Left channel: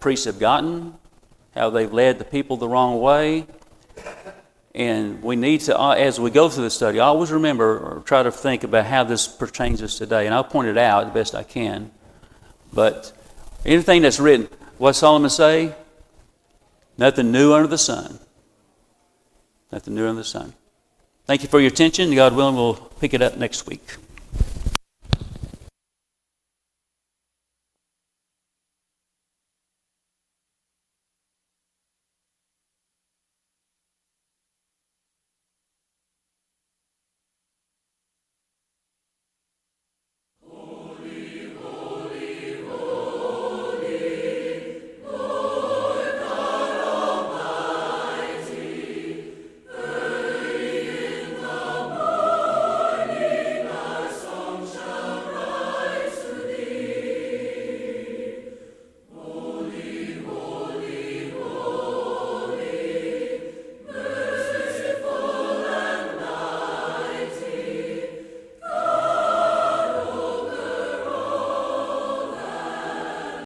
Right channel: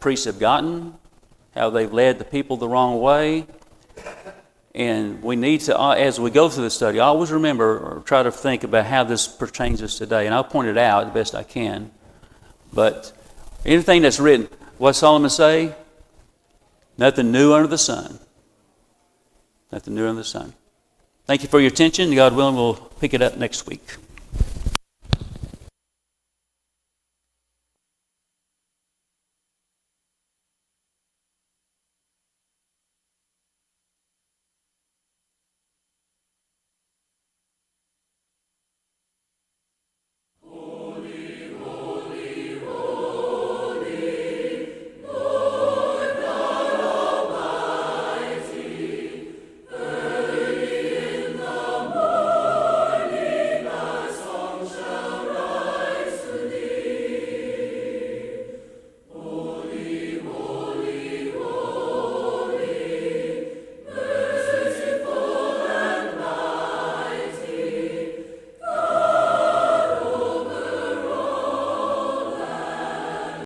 priests have gotten, how they've led the people the wrong way. And we need to, as we go through the study, always remember or try to think about how this pertains to us today. And I'll point it out the best I can. But anything that's written, what Solomon say? Nothing new under the sun. Nothing new under the sun. Thank you for your attention. God willing, we'll pick it up next week.